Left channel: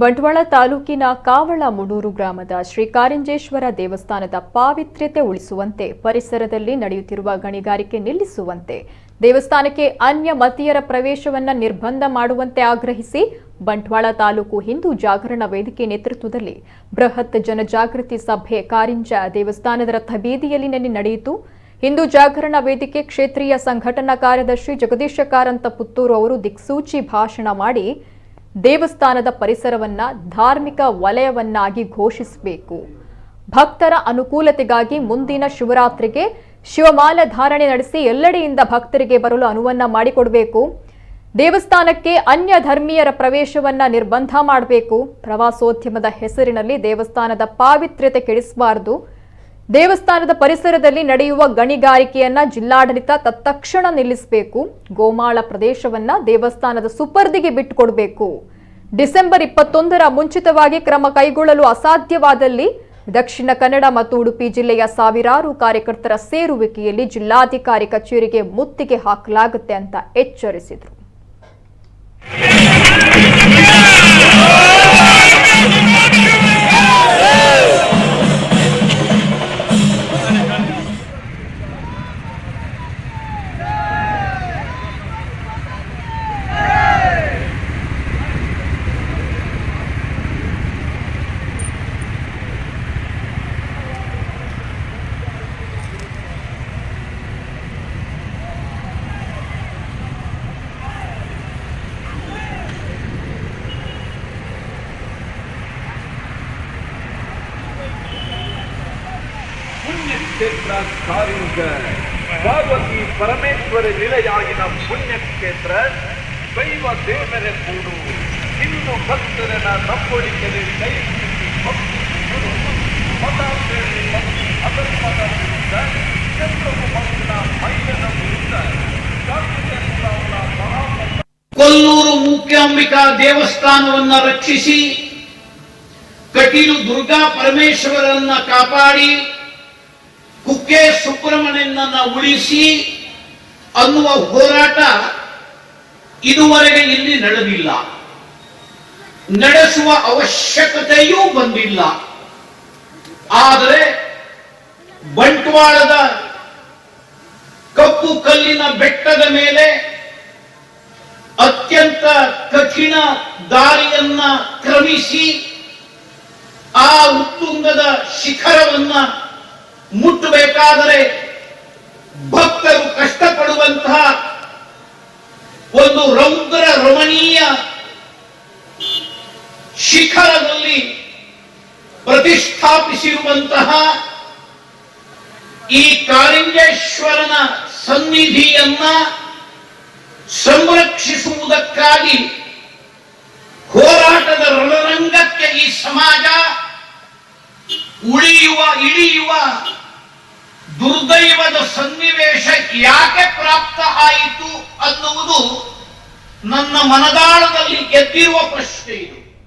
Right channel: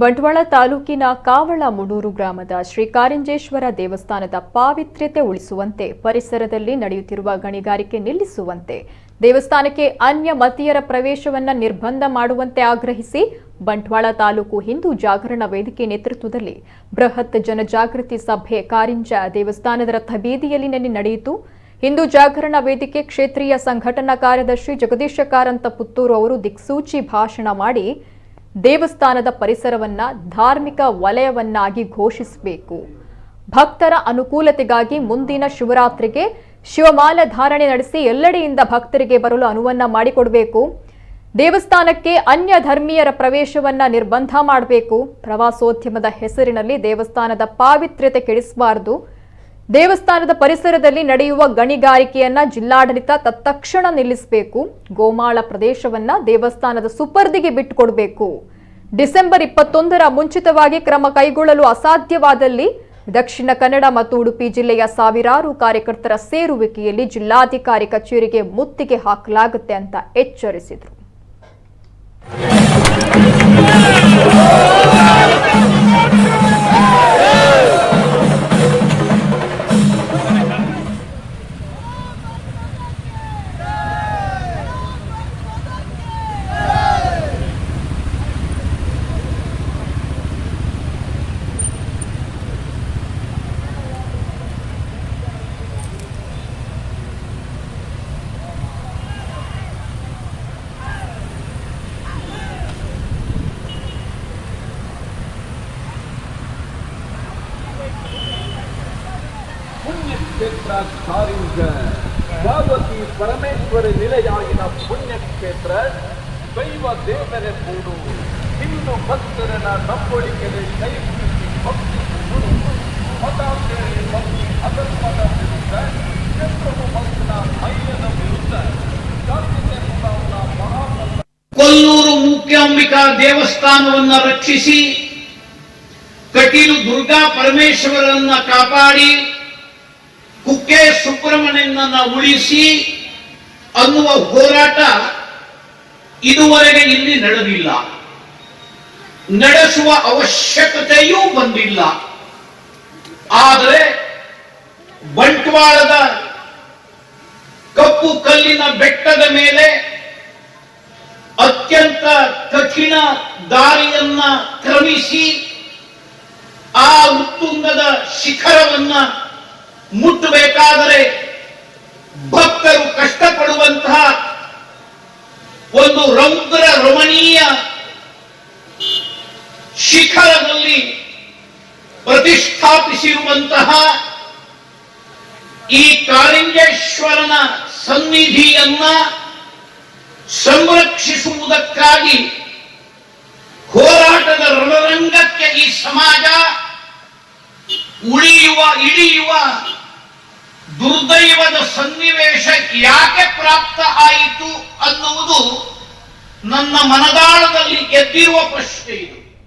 ಬಂಟ್ವಾಳ ತಾಲೂಕಿನ ಕಾವಳ ಮುಡೂರು ಗ್ರಾಮದ ಶ್ರೀ ಕಾರಿಂಜೇಶ್ವರ ದೇವಸ್ಥಾನದ ಪಾವಿತ್ರ್ಯತೆ ಉಳಿಸುವಂತೆ ಪರಿಸರದಲ್ಲಿ ನಡೆಯುತ್ತಿರುವ ಗಣಿಗಾರಿಕೆ ನಿಲ್ಲಿಸುವಂತೆ ದೇವಸ್ಥಾನಕ್ಕೆ ಅನ್ಯ ಮತೀಯರ ಪ್ರವೇಶವನ್ನು ನಿರ್ಬಂಧ ಮಾಡುವಂತೆ ಆಗ್ರಹಿಸಿ ಬಂಟ್ವಾಳ ತಾಲೂಕು ಹಿಂದೂ ಜಾಗರಣ ವೇದಿಕೆ ನೇತೃತ್ವದಲ್ಲಿ ಬೃಹತ್ ಜನಜಾಗೃತಿ ಸಭೆ ಕಾರಿಂಜ ದೇವಸ್ಥಾನದ ರಥಬೀದಿಯಲ್ಲಿ ನಿನ್ನೆ ನಡೆಯಿತು. ಹಿಂದೂ ಜಾಗರಣ ವೇದಿಕೆ ಕ್ಷೇತ್ರೀಯ ಸಂಘಟನಾ ಕಾರ್ಯದರ್ಶಿ ಜಗದೀಶ ಕಾರಂತ ಪುತ್ತೂರು ಅವರು ದಿಕ್ಸೂಚಿ ಭಾಷಣ ಮಾಡಿ ದೇವಸ್ಥಾನದ ಪರಿಸರವನ್ನ ಧಾರ್ಮಿಕ ವಲಯವನ್ನಾಗಿ ಘೋಷಿಸಬೇಕು. ಭಕ್ತರ ಅನುಕೂಲತೆಗಾಗಿ ಮುಂದಿನ ಶಿವರಾತ್ರಿಗೆ ಶಿವಮಾಲ ಧಾರಣೆ ನಡೆಸಿ ಎಲ್ಲೆಡೆಯಿಂದ ಭಕ್ತರಿಗೆ ಬರಲು ಅನುವನ್ನ ಮಾಡಿಕೊಡಬೇಕು. ದೇವಸ್ಥಾನಕ್ಕೆ ಅನ್ಯ ಧರ್ಮೀಯರ ಪ್ರವೇಶವನ್ನ ನಿರ್ಬಂಧ ಮಾಡಬೇಕು. ಪ್ರವಾಸೋದ್ಯಮದ ಹೆಸರಿನಲ್ಲಿ ದೇವಸ್ಥಾನದ ಪಾವಿತ್ರ್ಯತೆ ಕೆಡಿಸಬಾರದು. ದೇವಸ್ಥಾನದ ಪರಿಸರದಲ್ಲಿ ನಡೆಯುವ ಗಣಿಗಾರಿಕೆಯನ್ನ ಜಿಲ್ಲಾಡಳಿತ ತತ್ಕ್ಷಣ ನಿಲ್ಲಿಸಬೇಕು. ಗೋಮಾಳ ಪ್ರದೇಶವನ್ನ ದೇವಸ್ಥಾನದ ಸುಪರ್ದಿಗೆ ಬಿಟ್ಟುಕೊಡಬೇಕು. ಡಿಸೆಂಬರ್ 21ರ ಮುಂಚಿತವಾಗಿ ಕ್ರಮ ಕೈಗೊಳ್ಳಲು ಅಸಾಧ್ಯವಾದಲ್ಲಿ ದಕ್ಷಿಣ ಕನ್ನಡ ಮತ್ತು ಉಡುಪಿ ಜಿಲ್ಲೆಯ ಸಾವಿರಾರು ಕಾರ್ಯಕರ್ತರ ಸೇರುವಿಕೆಯಲ್ಲಿ ಜಿಲ್ಲಾಧಿಕಾರಿ ಕಚೇರಿಗೆ ಮುತ್ತಿಗೆ ಹಾಕಲಾಗುತ್ತೆ ಅಂತ ಎಚ್ಚರಿಸಿದರು. ಪುಣ್ಯಕ್ಷೇತ್ರ ಕಾರಿಂಜ ಪಾರ್ವತಿ ಪರಮೇಶ್ವರ ನಿಲಯಾಗಿನ ಪುಣ್ಯಕ್ಷೇತ್ರ ದೈವ ದೇವರ ಕೂಡು ಹಿಂದೂ ಭಕ್ತರನ್ನ ನಂಬಳಿಕೆಗೆ ಕೈಹಿಡಿಸಿ ಭಕ್ತಿಗಳು ಮತಾಂತರದಲ್ಲಿ ಅಧರ್ಮದ ವಿರುದ್ಧ ಚಂದ್ರವು ಮಕ್ಕಳ ಮೈಯನ ವಿರುದ್ಧ ಕೊಲ್ಲೂರು ಮೂಕಾಂಬಿಕಾ ದೇವಸ್ಥಾನವನ್ನ ರಕ್ಷಿಸಿ ಕಟೀಲು ದುರ್ಗಾ ಪರಮೇಶ್ವರನ್ನ ಕಾಪಾಡಿ ಕುಕ್ಕೆ ಸುಬ್ರಹ್ಮಣ್ಯನನ್ನ ಉಳಿಸಿ ಅನ್ನುವ ಹೋರಾಟ ಇದುವರೆಗೆ ಇಲ್ಲಿ ನಡೆದಿಲ್ಲ, ನಡೆಸುವ ಅವಶ್ಯಕತೆಯೂ ಬಂದಿಲ್ಲ. ಆದರೆ ಬಂಟ್ವಾಳದ ಕಪ್ಪು ಕಲ್ಲಿನ ಬೆಟ್ಟದ ಮೇಲೆ ಅತ್ಯಂತ ಕಠಿಣ ದಾರಿಯನ್ನ ಕ್ರಮಿಸಿ ಆ ಉತ್ತುಂಗದ ಶಿಖರವನ್ನ ಮುಟ್ಟಬೇಕಾದರೆ ಭಕ್ತರು ಕಷ್ಟಪಡುವಂತಹ ಒಂದು ರೌದ್ರ ರಮಣೀಯ ಶಿಖರದಲ್ಲಿ ಪ್ರತಿಷ್ಠಾಪಿಸಿರುವಂತಹ ಈ ಕಾರಿಂಜೇಶ್ವರನ ಸನ್ನಿಧಿಯನ್ನ ಸಂರಕ್ಷಿಸುವುದಕ್ಕಾಗಿ ಹೋರಾಟದ ರಣರಂಗಕ್ಕೆ ಈ ಸಮಾಜ ಇಳಿಯುವ ದುರ್ದೈವದ ಸನ್ನಿವೇಶ ಯಾಕೆ ಪ್ರಾಪ್ತ ಆಯಿತು ಅನ್ನುವುದು ನನ್ನ ಮನದಾಳದಲ್ಲಿ ಎದ್ದಿರುವ ಪ್ರಶ್ನೆ ಇದು.